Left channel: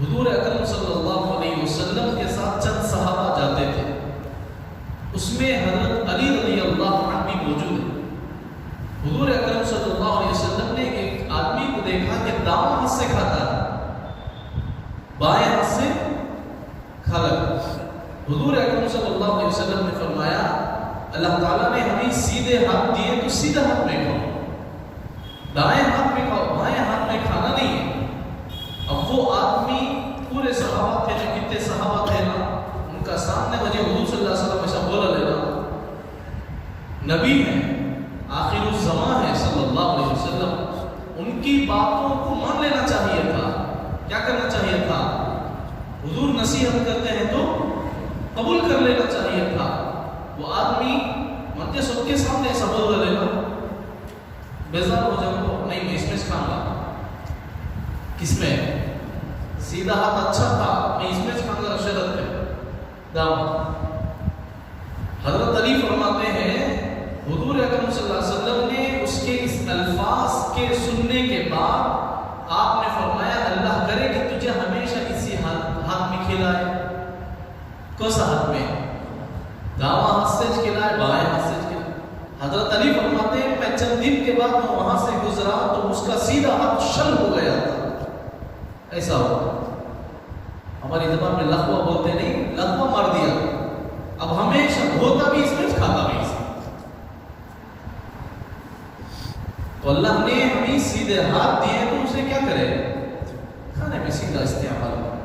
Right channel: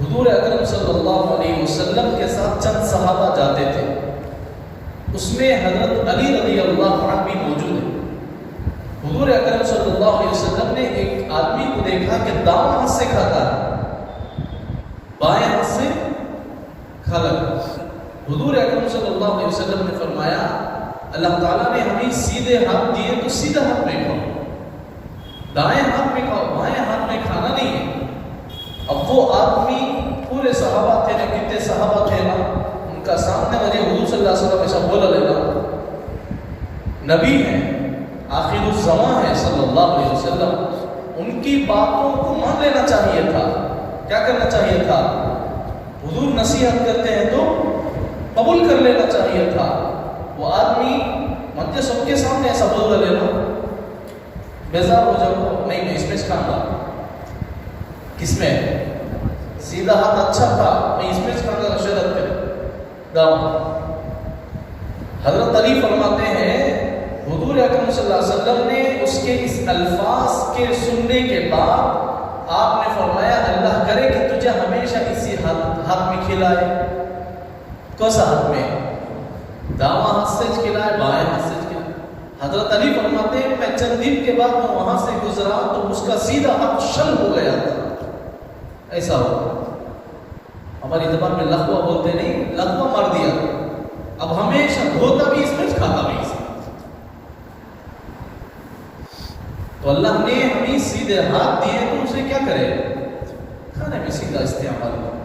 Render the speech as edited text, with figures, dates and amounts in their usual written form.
حضور اکرم صلی اللہ علیہ وسلم کے ساتھ چند صحابہ جاتے تھے، اس میں حضرت علی رضی اللہ عنہ بھی موجود ہے۔ حضور اکرم صلی اللہ علیہ وسلم نے ایک آدمی کو دیکھا کہ دائیں ہاتھ سے کھاتا ہے، بائیں ہاتھ سے کھا لگا۔ حضور اکرم صلی اللہ علیہ وسلم نے فرمایا اللہ تعالیٰ نے ہمیں سیدھے ہاتھ دیے تو سیدھا ہاتھ میں کھاؤ، دائیں ہاتھ میں کھاؤ، بائیں ہاتھ میں کھانا نہیں ہے۔ اب وہ آدمی پورے صحابہ تھے، جو کتنے صحابہ تھے نا، ان کا سامنے مجھے حضور صلی اللہ علیہ وسلم ایسا بولا لینا، نبی ہیں، آخر الزمان ہے صلی اللہ علیہ وسلم، ان کی باتوں کو مان لینا چاہیے تھا۔ کیا کرنا چاہیے تھا؟ حضور نصیحت کرتے ہیں تو قبول کر لینا چاہیے تھا۔ وہ آدمی مجھے سب کے سامنے ایسا بول لینا، بیزار ہو جاؤ، نہیں میں اس میں کھاؤں گا۔ کس میں؟ سیدھا ہاتھ اچھا تھا، میں اس میں کھاؤں گا، شرط پہ دام۔ حضرت علی فرماتے ہیں حضور اکرم صلی اللہ علیہ وسلم نے اس کے اس الفاظ کے سننے کے بعد آپ نے فرمایا اللہ کرے کہ تجھے ہمیشہ اسی ہاتھ میں کھلائے۔ کون سا ہاتھ میں؟ دائیں ہاتھ سے کھلائے، بائیں ہاتھ سے کھلائے۔ حضرت علی فرماتے ہیں میں چند دن کے بعد میں وہاں سے گزرا تو اس کا سیدھا ہاتھ شل ہو گیا تھا، ایسا ہوا۔ ہماری زبان میں لغوا بولتے نہیں، لغوا مار دیا۔ اب ہمیشہ دھوتا بھی اس میں، کھاتا بھی اس میں۔ تو اللہ نے ہمیں سیدھے ہاتھ دیے تو اسے کیا کرے؟ کھانے میں سیدھا استعمال کرے۔